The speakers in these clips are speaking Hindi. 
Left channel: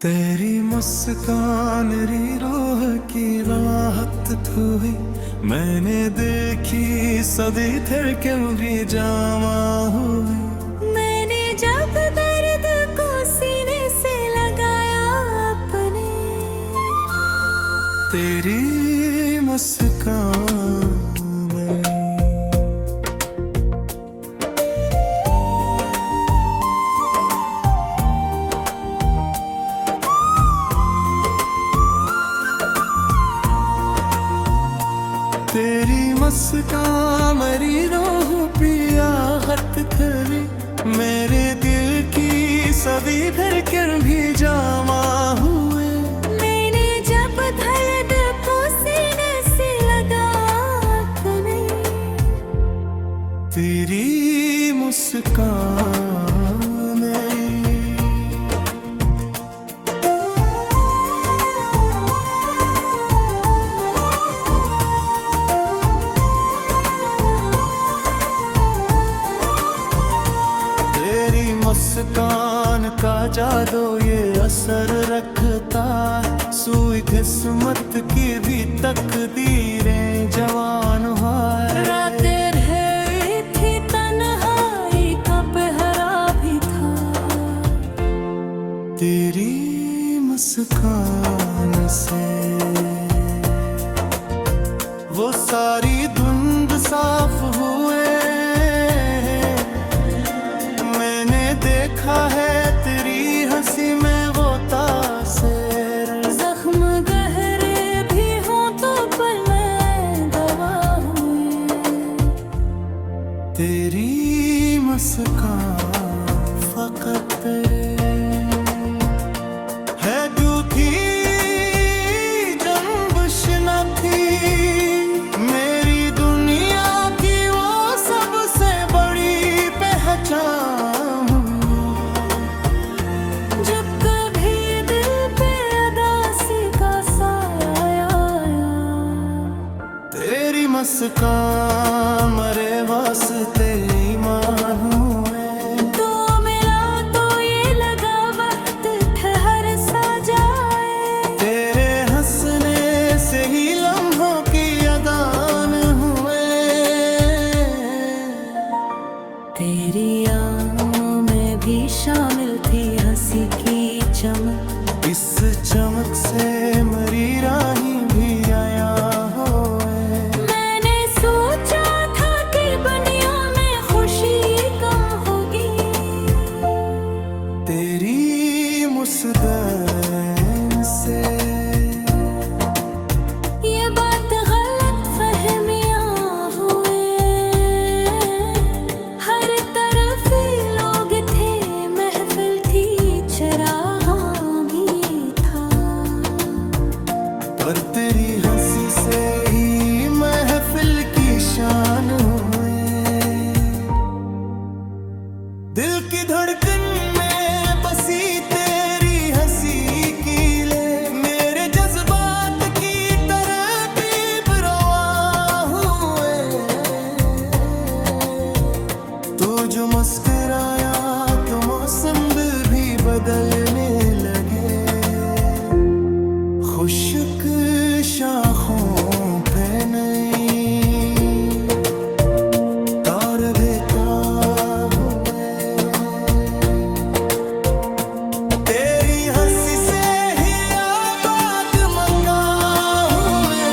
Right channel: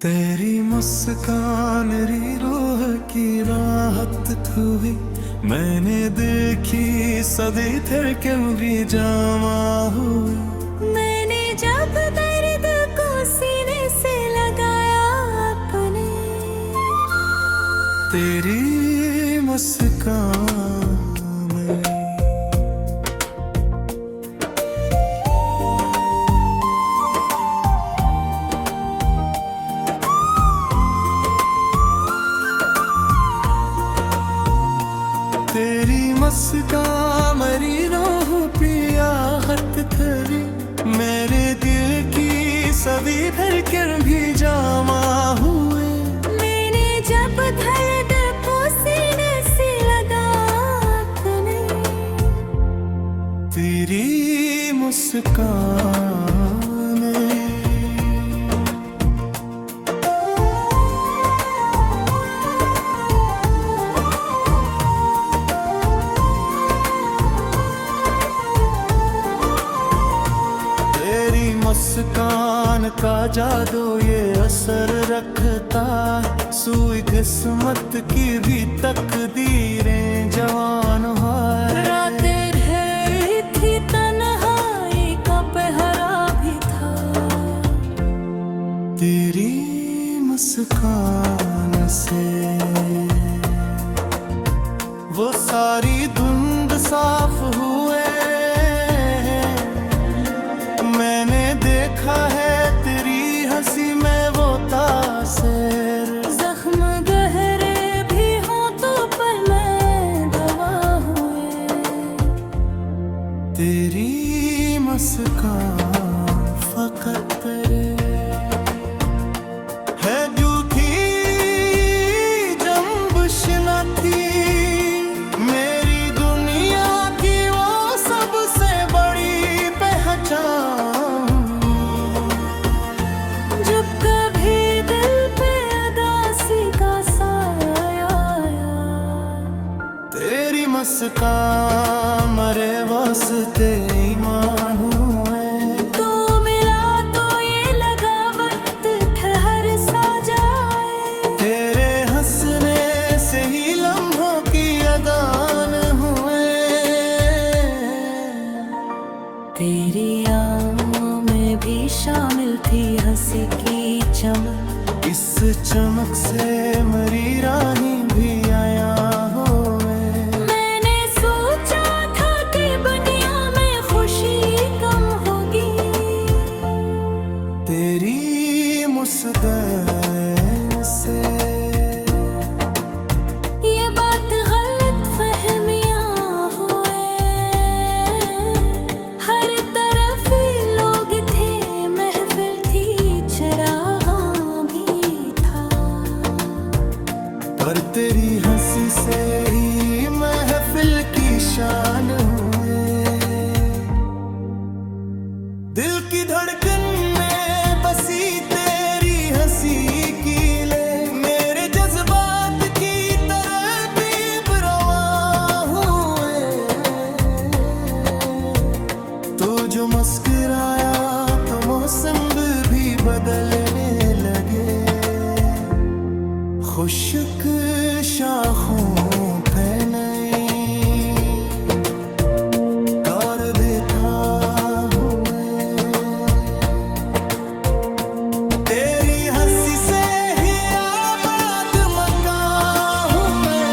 तेरी मुस्कान री रूह की राहत हुई, मैंने देखी सदी थे क्यों भी जामा हुई। मैंने जब दर्द को सीने से लगाया अपने, तेरी मुस्कान में तेरी मुस्कान मेरी रूह पिया हत थरी, मेरे दिल की सभी धड़कन भी जामा हुए। मैंने जब दर्द को सीने से लगाया अपने, तेरी मुस्कान में तेरी मुस्कान का जादू ये असर रखता है, सुई किस्मत की भी तकदीरें जवान है। रातें ढेरी थी, तन्हाई का पहरा भी था, तेरी मुस्कान से वो सारी धुंध साफ हुए। मैंने देखा है तेरी हंसी में वो तासीर, जख्म गहरे भी हों तो पर मैं दवा हुई। तेरी मुस्कान फकत तेरे है जूठी जंबश न थी, मेरी दुनिया की वो सबसे बड़ी पहचान। जब कभी दिल पे उदासी का साया आया, तेरी मुस्कान मरे वास्ते ईमान हुए। तो मिला तो ये लगा वक्त ठहर सा जाए, तेरे हंसने से ही लम्हों की अदान हुए। तेरी आँखों में भी शामिल थी हंसी की चमक, इस चमक से मरी राही भी आया होए। मैंने सोचा था कि दुनिया में खुशी कम होगी, तेरी मुस्कान से ये बात गलत फहमियां हुए। हर तरफ ही लोग थे, महफिल थी, चरागा भी था, पर तेरी हंसी से ही महफिल की शान हुए। दिल की धड़कन में बसी तेरी हंसी की ले, मेरे जज्बात की तरतीब रवा हुए। तो जो मुस्कुराया तो मौसम भी बदलने लगे, खुशक शाखों पे नई तार देता हुए। तेरी हंसी से ही आबाद मकान हुए,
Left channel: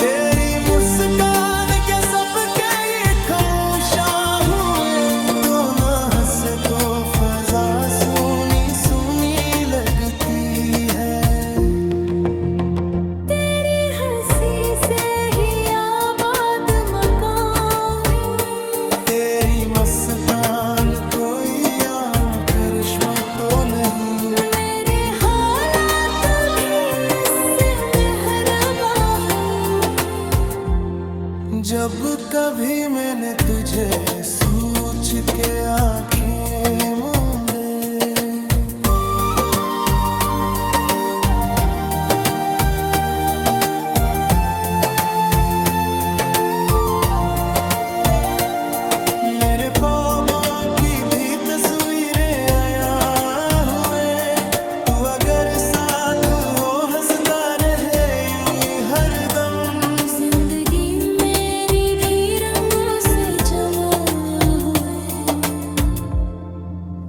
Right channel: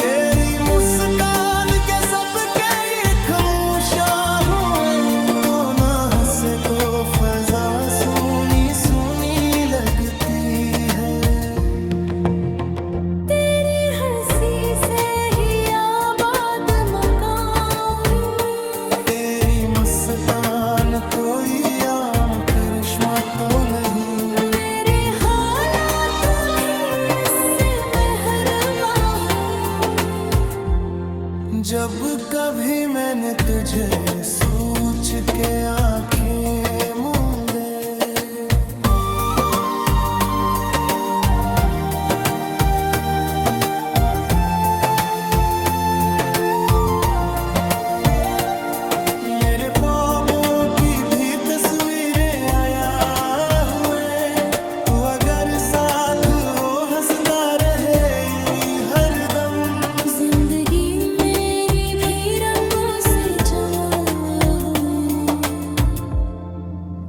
तेरी मुस्कान के सबके ये खामोशा हुए। तो ना हंसे तो फजा सुनी सुनी लगती है, तेरी हंसी से ही आबाद मकान हुई। तेरी मुस्कान कोई आम करिश्मा तो नहीं, मेरे हालात भी इससे मेहरबा हुई। जब कभी मैंने तुझे सोच के आंखें मूंदे। मेरे ख्वाबों की भी तस्वीरें आया हुए, तू अगर हंसता रहे यूं ही हरदम। जिंदगी मेरी भी रंगों से जमा हुए,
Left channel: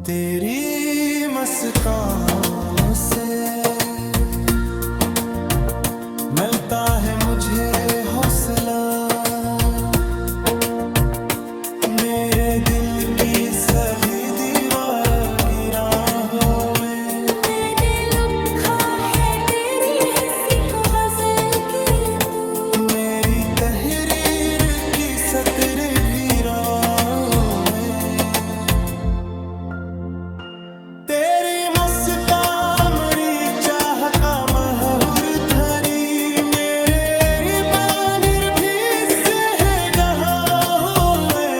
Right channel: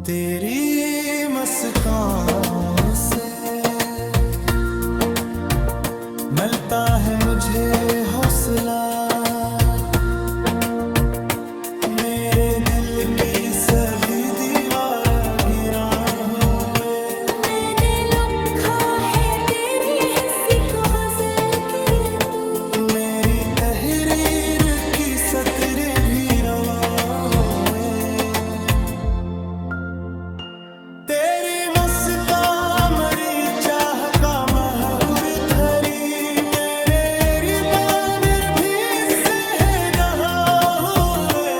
तेरी मुस्कान से मिलता है मुझे हौसला। मेरे दिल की सभी दीवार गिरा हुए, मैंने लिखा है तेरी हंसी को गजल के तू। मेरी तहरीर की सतरें भी रवा हुए। तेरी मुस्कान मेरी चाह का महूर धरी, मेरे रिबानर भी से गहा हुए।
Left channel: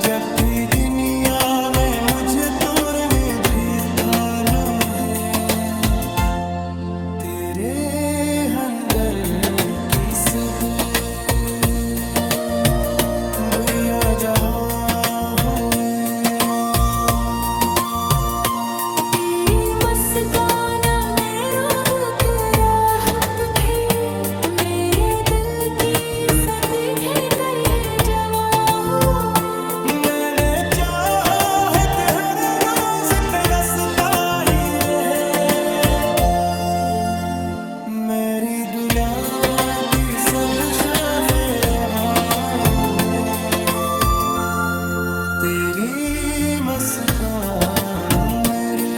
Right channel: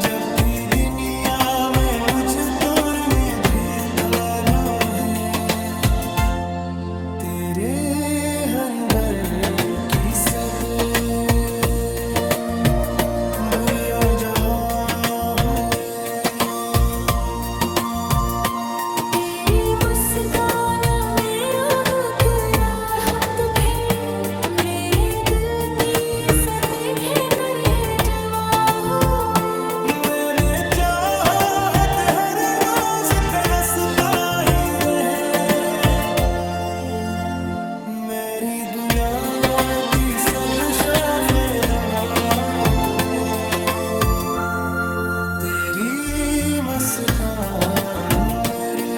जब भी दुनिया में मुझे तोड़ने भी थानो है, तेरे अंदर की सब बुरिया जहाँ हुए। तेरी मुस्कान में रूह के राहत थे, मेरे दिल की सतीखे कर ये जवा हुए। मैंने चाहा है कि हर रोज तरसता ही रहे, मेरी दुनिया की सब शाखे रवा हुए। तेरी मुस्कान मेरे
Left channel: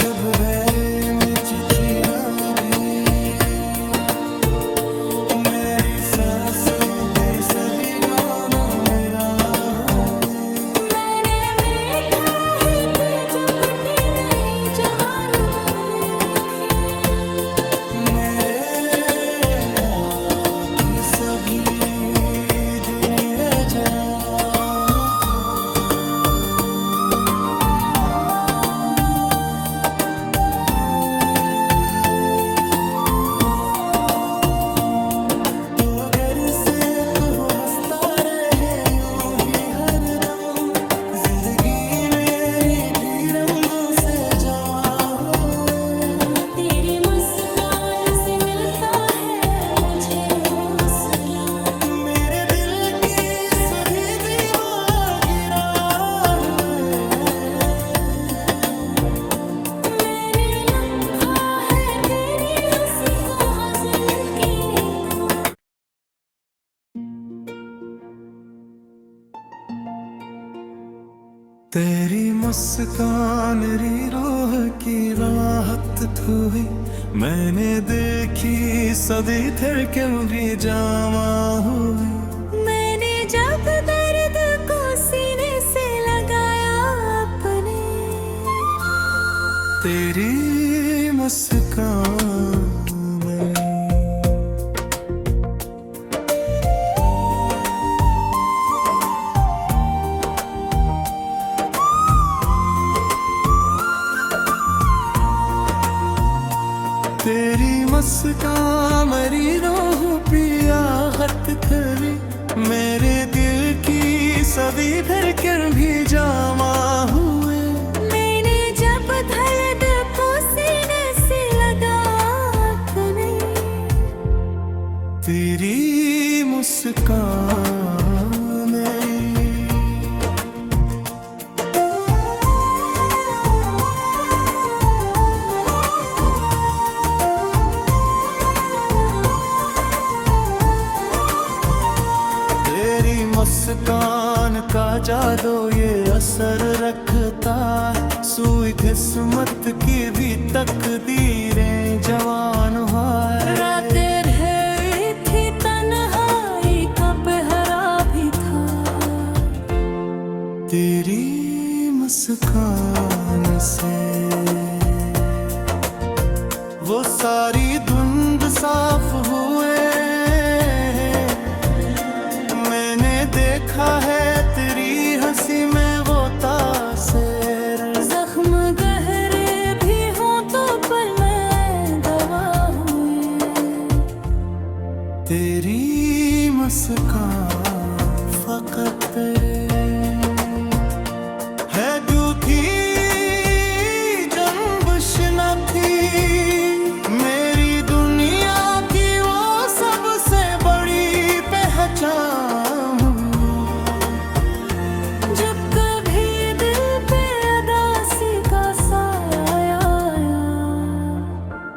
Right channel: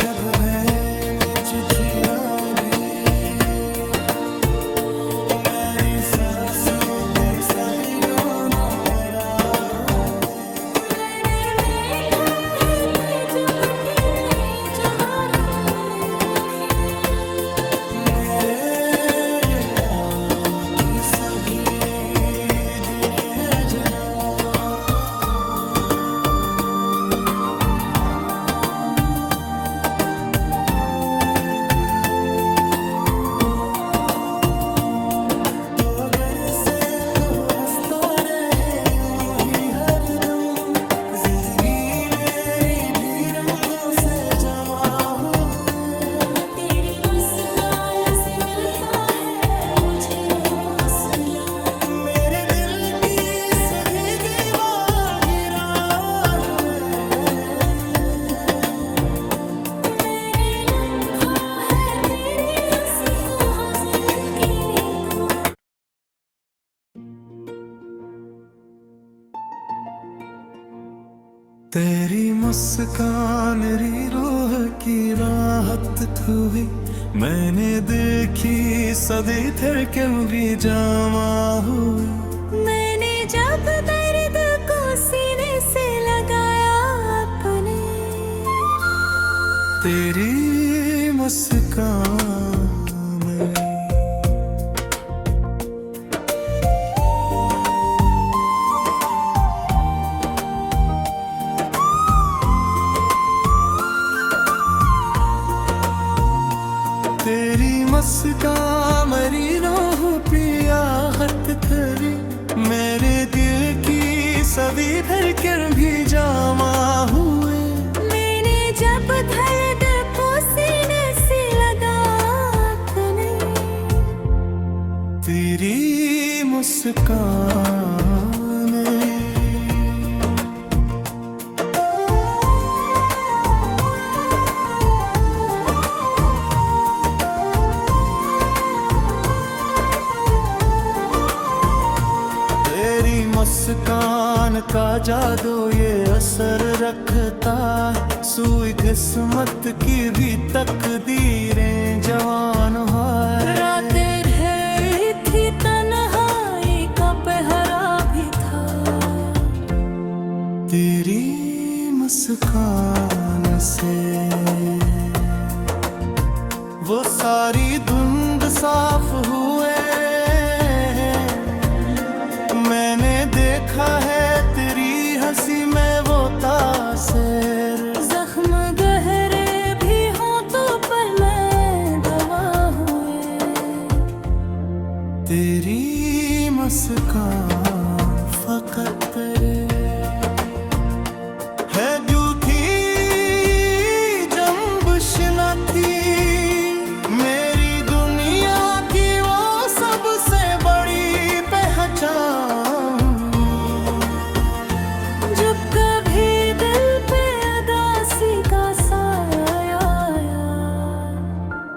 जब भय में चिखिरा भी, मेरी सांसों भी सभी गाना मेरा हुए। मैंने देखा है कि जो फटी नहीं जवार में देखे, मेरे बाकी सभी दिन ये जान। तो अगर से तू हंसता रहे यूं ही हरदम, जिंदगी मेरी भी रंगों से जमा हुए। तेरी मुस्कान से मिलता है मुझे हौसला। मेरे दिल की सभी दीवार गिरा हुए, मैंने लिखा है तेरी हंसी को गजल के तू। तेरी मुस्कान री रूह की राहत हुई। मैंने देखी सदी थे क्यों भी जमा हुई। मैंने जब दर्द को सीने से लगाया अपने, तेरी मुस्कान में तेरी मुस्कान मेरी रूह पिया हत थरी, मेरे दिल की सभी धड़कन भी जमा हुए। मैंने जब दर्द को सीने से लगा अपने, तेरी मुस्कान में मुस्कान का जादू ये असर रखता है। सुई किस्मत की भी तकदीरें जवान है। रातें ढेर थी तन्हाई का पहरा भी था, तेरी मुस्कान से वो सारी धुंध साफ हुए। मैंने देखा है तेरी हंसी में वो तासीर। जख्म गहरे भी हों तो पर मैं दवा हुए। तेरी मुस्कान फकत तेरे है जूठी थी, मेरी दुनिया की वो सबसे बड़ी पहचान। जब कभी दिल पे उदासी का साया आया,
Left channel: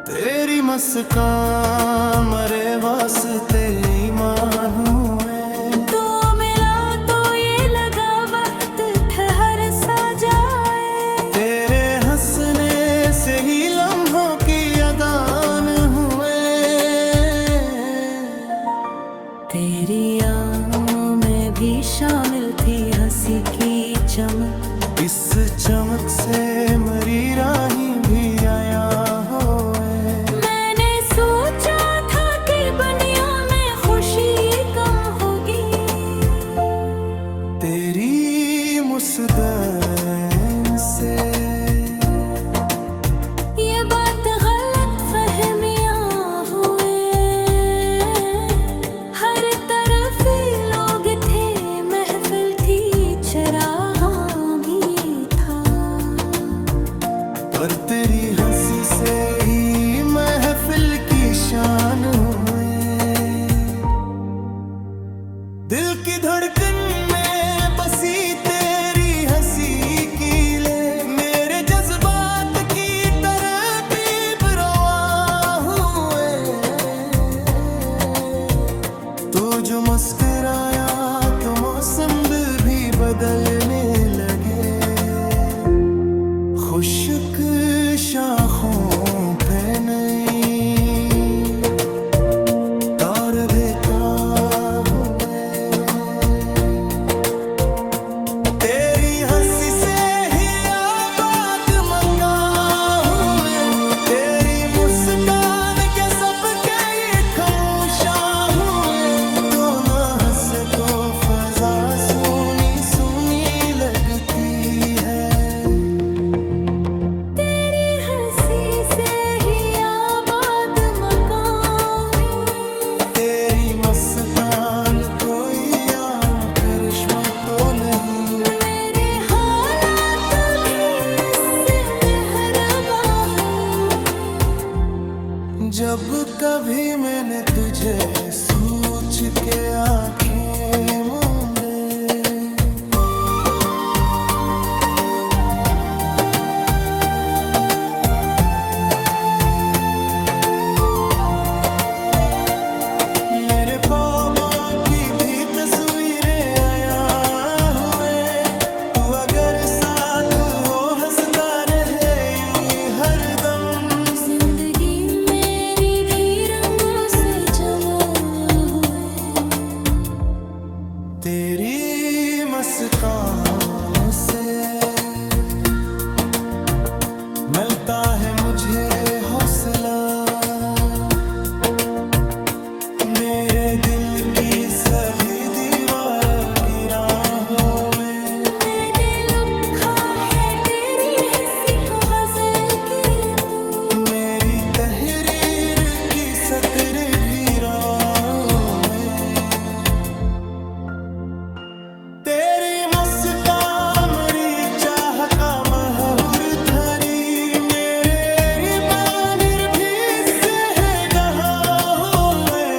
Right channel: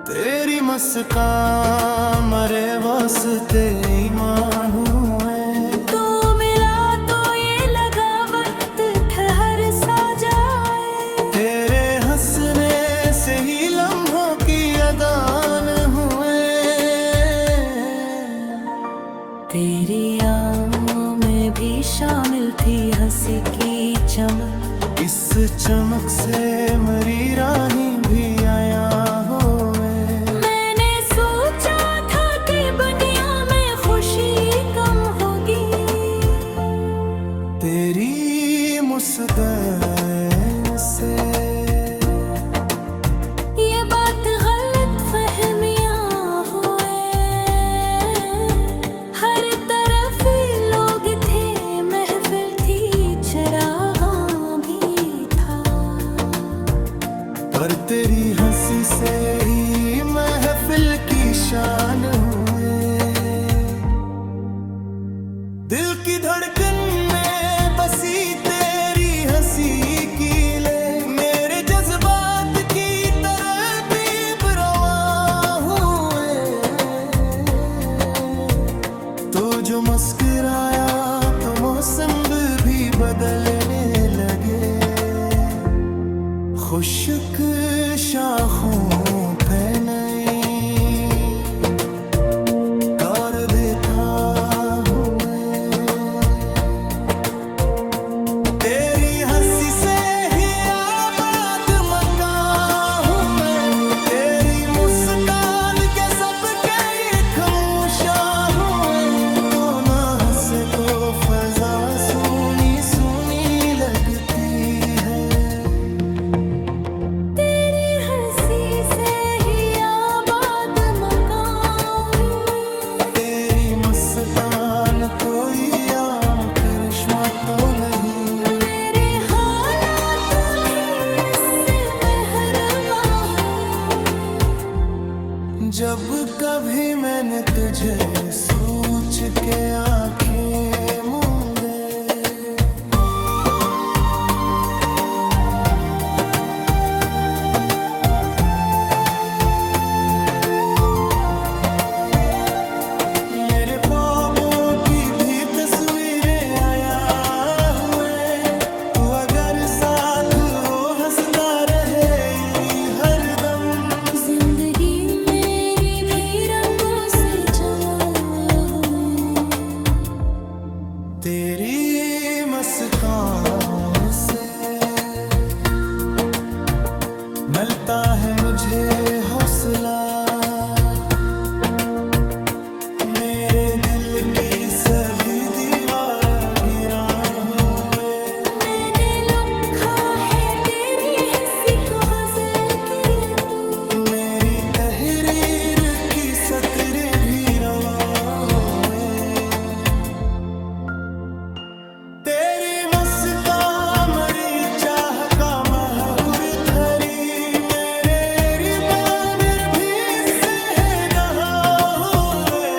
तेरी मुस्कान मरे वास्ते ईमान हुए। तो मिला तो ये लगा वक्त ठहर सा जाए, तेरे हंसने से ही लम्हों की अदान हुए। तेरी आँखों में भी शामिल थी हंसी की चमक, इस चमक से मरी राही भी आया होए। मैंने सोचा था कि दुनिया में खुशी कम होगी, तेरी मुस्कान से ये बात गलत फहमियां हुए। हर तरफ ही लोग थे, महफिल थी, चरागां भी था। पर तेरी हंसी से ही महफिल की शान हुए। दिल की धड़कन में बसी तेरी हंसी की ले, मेरे जज्बात की तरतीब रवा हुए। तो जो मुस्कुराया तो मौसम भी बदलने लगे। खुशक शाखों पे नई तार देता हुए। तेरी हंसी से ही आबाद मकान हुए। तेरी मुस्कान के सबके ये खामोशा हुए। तो ना हंसे तो फजा सुनी सुनी लगती है। तेरी हंसी से ही आबाद मकान हुई। तेरी मुस्कान कोई आम करिश्मा तो नहीं। मेरे हालात भी इससे मेहरबान हूँ। जब कभी मैंने तुझे सोच के आंखें मूंदे, मेरे ख्वाबों की भी तस्वीरें आया हुए। तू अगर साथ हो हंसता रहे यूं ही हरदम। जिंदगी मेरी भी रंगों से जमा हुए। तेरी मुस्कान से मिलता है मुझे हौसला। मेरे दिल की सभी दीवार गिरा हुए। मैंने लिखा है तेरी हंसी को गजल के तू। मेरी तहरीर की सतरें भी रवा हुए। तेरी मुस्कान मरी चाह का महूर थरी। मेरे रिबानर भी इससे है गहा हुए।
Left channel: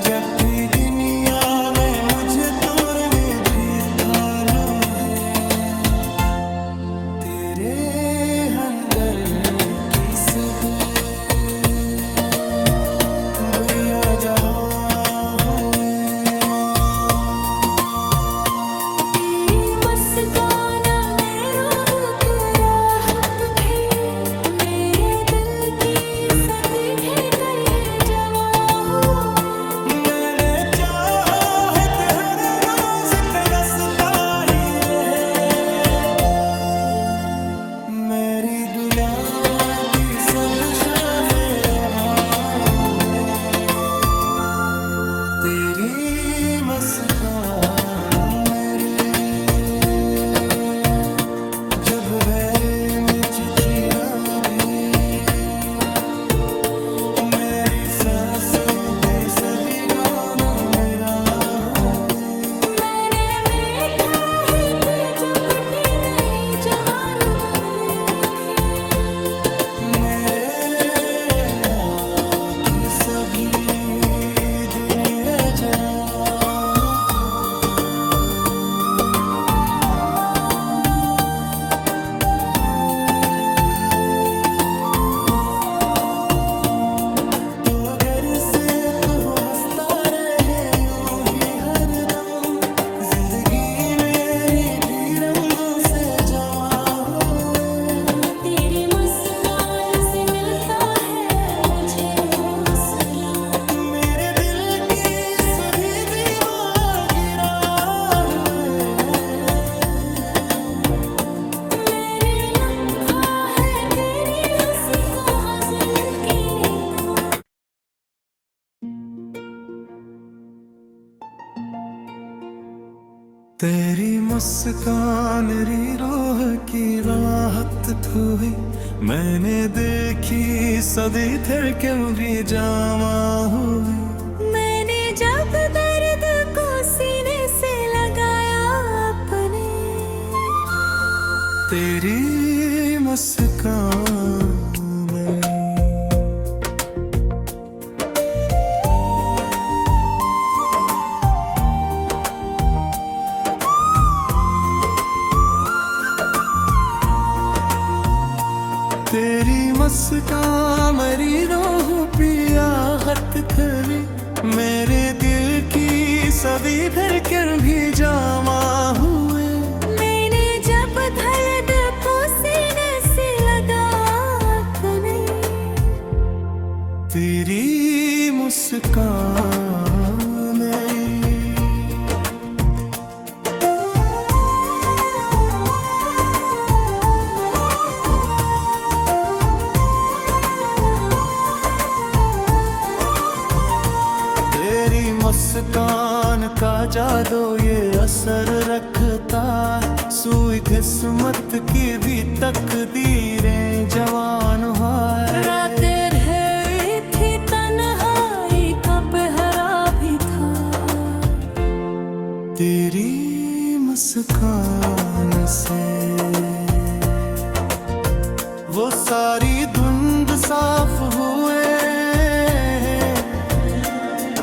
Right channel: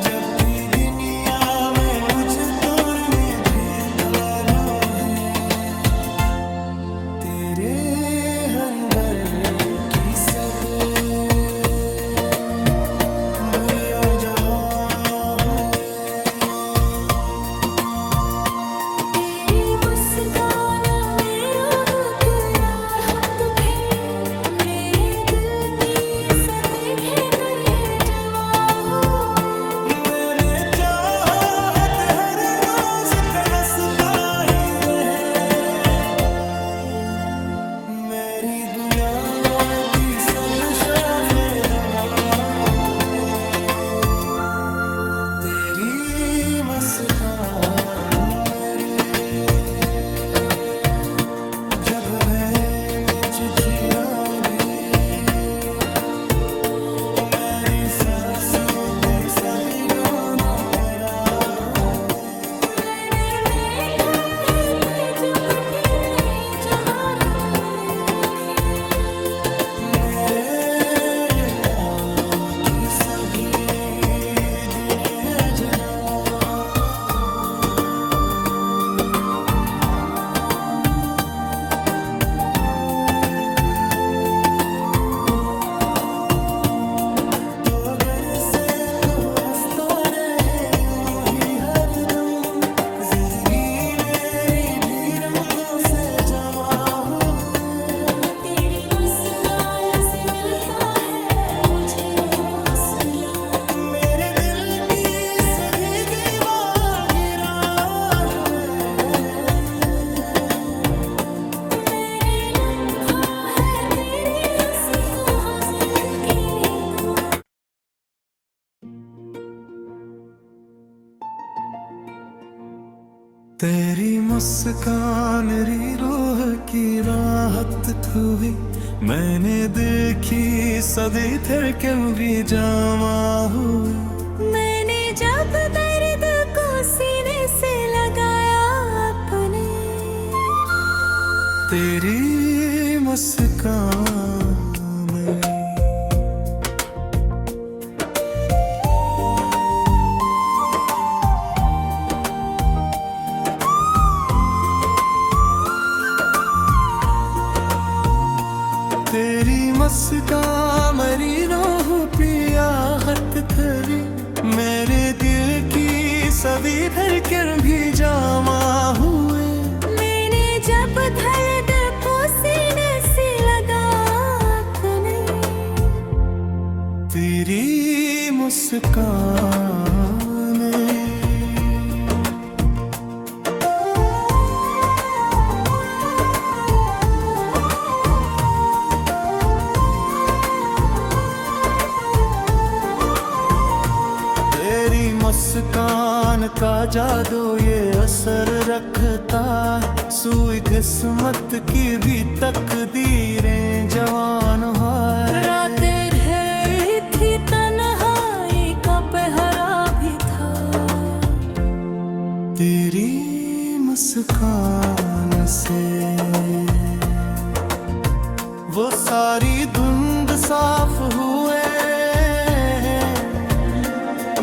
जब भी दुनिया में मुझे तोड़ने भी थानो है। तेरे अंदर की सब बुरिया जहां हुए। तेरी मुस्कान में रूह तेरा खुद थे। मेरे दिल की सदके कर ये जवा हुए। मैंने चाहा है कि हर रोज तरसता ही रहे। मेरी दुनिया की सब शाखे रवा हुए। तेरी मुस्कान मेरे जब मैं मुझ खीरा भी। मेरी सांसों भी सभी गाना मेरा हुए। मैंने देखा है कि जब भी नहीं जवार मेरे सभी दिन ये जान। तो अगर से तू हंसता रहे यूं ही हरदम, जिंदगी मेरी भी रंगों से जवा हुए। तेरी मुस्कान से मिलता है मुझे हौसला, मेरे दिल की सभी दीवार गिरा हुए। मैंने लिखा है तेरी हंसी को गजल के दिल। तेरी मुस्कान री रूह की राहत हुई, मैंने देखी सदी फिर क्यों भी जमा हुई। मैंने जब दर्द को सीने से लगाया अपने, तेरी मुस्कान में तेरी मुस्कान मेरी रूह पिया हत करी, मेरे दिल की सभी फिर क्यों भी जमा हुए। मैंने जब दर्द को सीने से लगाया अपने, तेरी मुस्कान में तेरी मुस्कान का जादू ये असर रखता है, सुई किस्मत की भी तकदीरें जवान है। रातें ढेर थी तन्हाई का पहरा भी था, तेरी मुस्कान से वो सारी धुंध साफ हुए।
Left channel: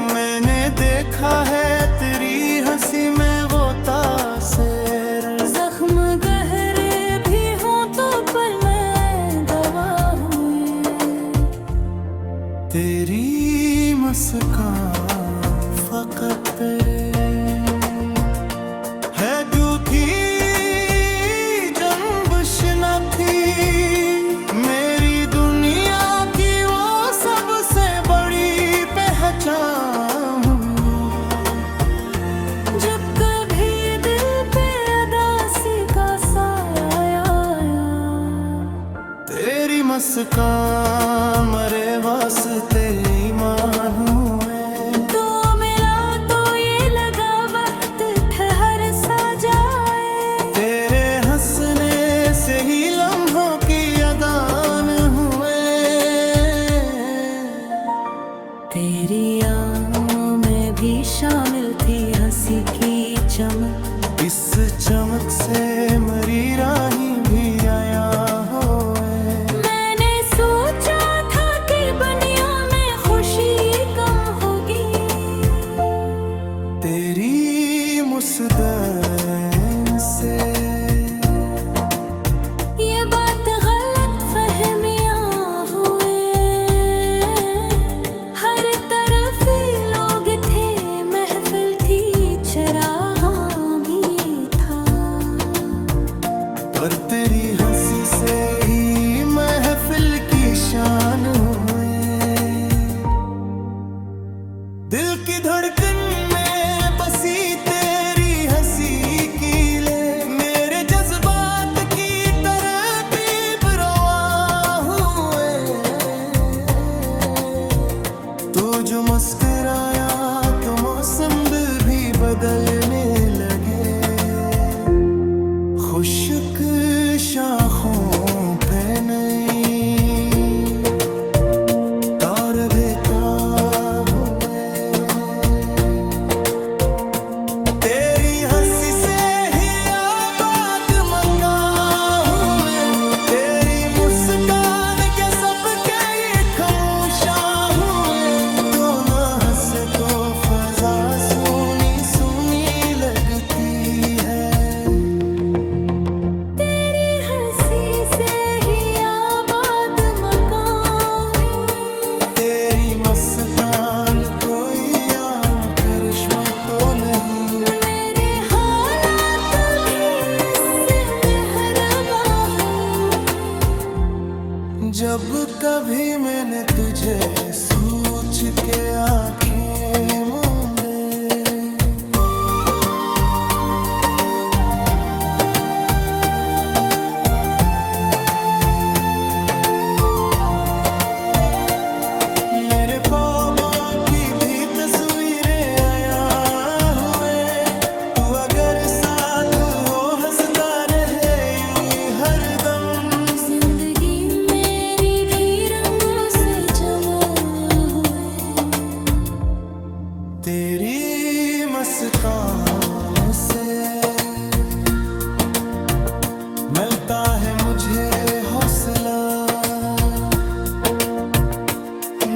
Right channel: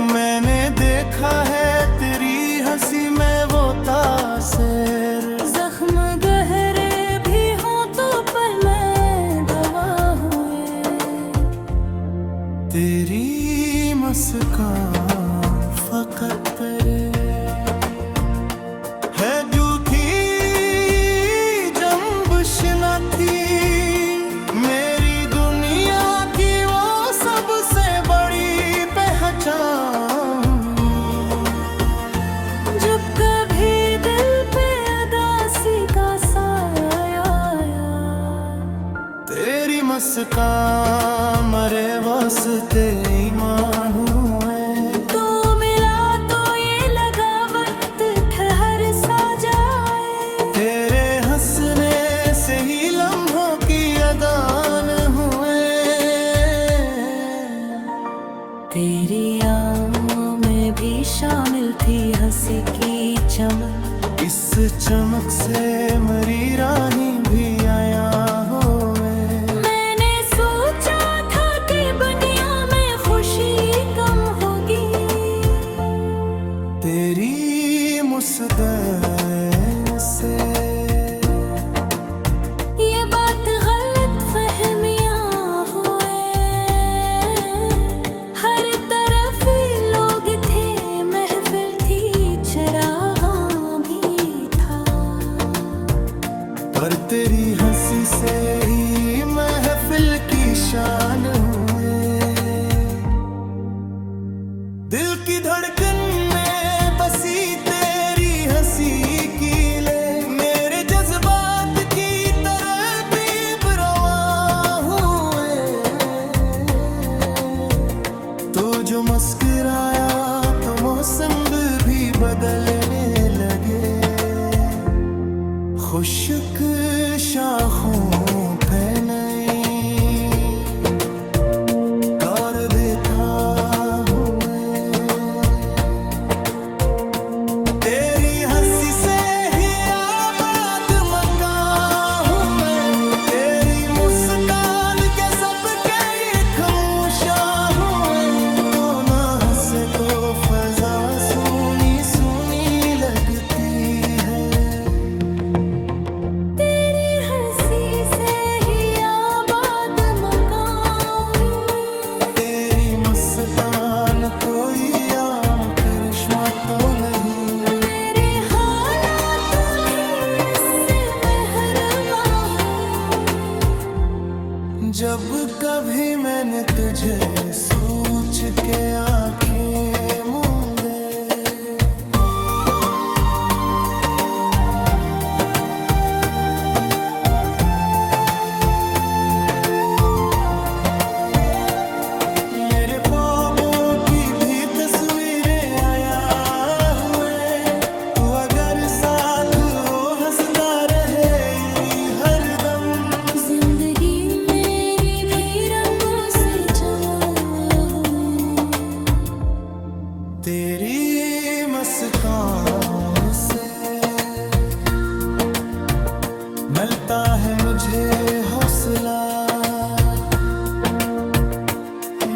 मैंने देखा है तेरी हंसी में वो तासीर, जख्म गहरे भी हों तो पर मैं दवा हुए। तेरी मुस्कान फकत तेरे है जूठी जंबश न थी, मेरी दुनिया की वो सबसे बड़ी पहचान। जब कभी दिल पे उदासी का साया आया, तेरी मुस्कान मरे वास्ते ईमान हुए। तो मिला तो ये लगा वक्त ठहर सा जाए, तेरे हंसने से ही लम्हों की अदान हुए। तेरी आँखों में भी शामिल थी हंसी की चमक, इस चमक से मरी राही भी आया होए। मैंने सोचा था कि दुनिया में खुशी कम होगी, तेरी मुस्कान से ये बात गलत फहमियां हुए। हर तरफ ही लोग थे, महफिल थी, चरागां भी था, पर तेरी हंसी से ही महफिल की शान हुए। दिल की धड़कन में बसी तेरी हंसी की ले, मेरे जज्बात की तरतीब रवा हुए। तो जो मुस्कुराया तो मौसम भी बदलने लगे, खुशक शाखों पे नई तार देता हुए। तेरी हंसी से ही आबाद मकान हुए, तेरी मुस्कान के सबके ये खामोशा हुए। से तो फजा सुनी सुनी लगती है। तेरी हंसी से ही आबाद मकान है। तेरी मुस्कान कोई आम करिश्मा तो नहीं। मेरे हालात भी इससे मेहरबा हूँ। जब कभी मैंने तुझे सोच के आंखें मूंदे, मेरे ख्वाबों की भी तस्वीरें आया हुए। तू अगर साथ हो हंसता रहे यूं ही हरदम। जिंदगी मेरी भी रंगों से जमा हुए। तेरी मुस्कान से मिलता है मुझे हौसला।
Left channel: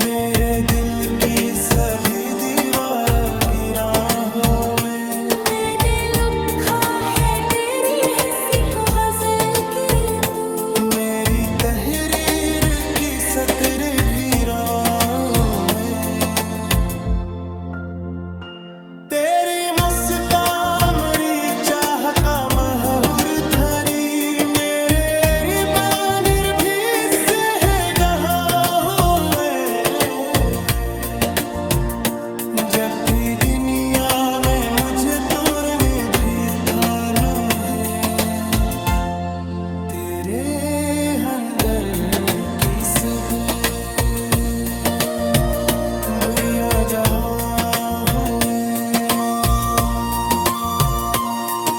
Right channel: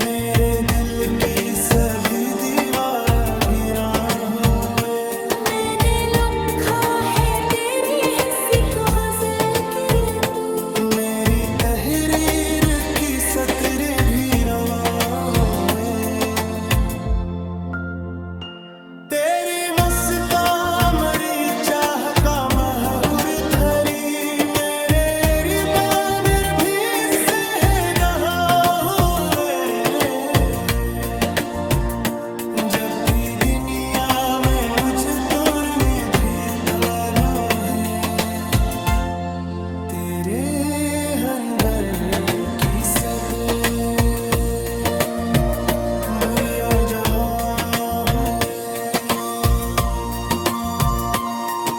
मेरे दिल की सभी दीवार गिरा हुए। मैंने लिखा है तेरी हिस्से को गजल के तू। मेरी तहरीर की सतरें भी रवा हुए। तेरी मुस्कान मेरी चाह का महूर धरी। मेरे रिबानर भी इससे है गहा हुए। जब भी दुनिया में मुझे तोड़ने भी थानू है। तेरे अंदर की सब बुरिया जहाँ हुए।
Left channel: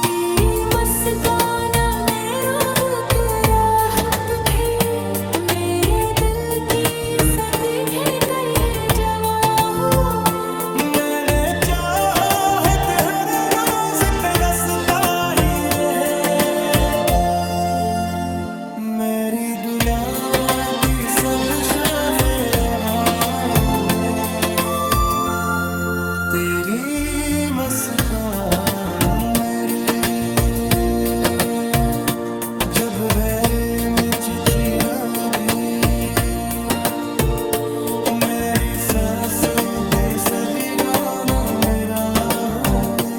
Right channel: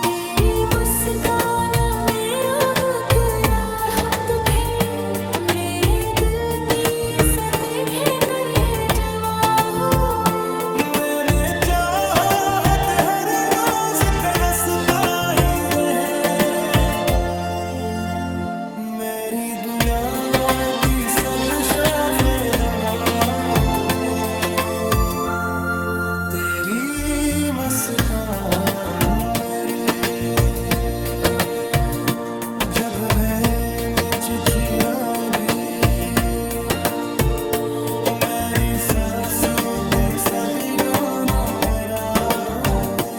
तेरी मुस्कान में रूह के राहत खे। मेरे दिल की सदके कर ये जवा हुए। मैंने चाहा है कि हर रोज तरसता ही रहे। मेरी दुनिया की सब शाखे रवा हुए। तेरी मुस्कान मेरे जब भय में जिखिरा भी। मेरी सांसों भी सभी गाना मेरा हुए।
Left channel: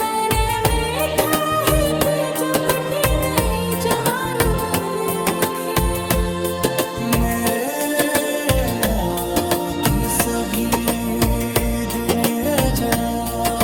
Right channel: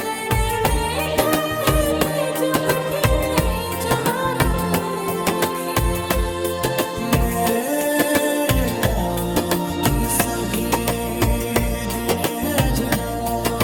मैंने देखा है कि जो फटी नहीं जवार में देखे। मेरे बाकी सभी दिन ये जवान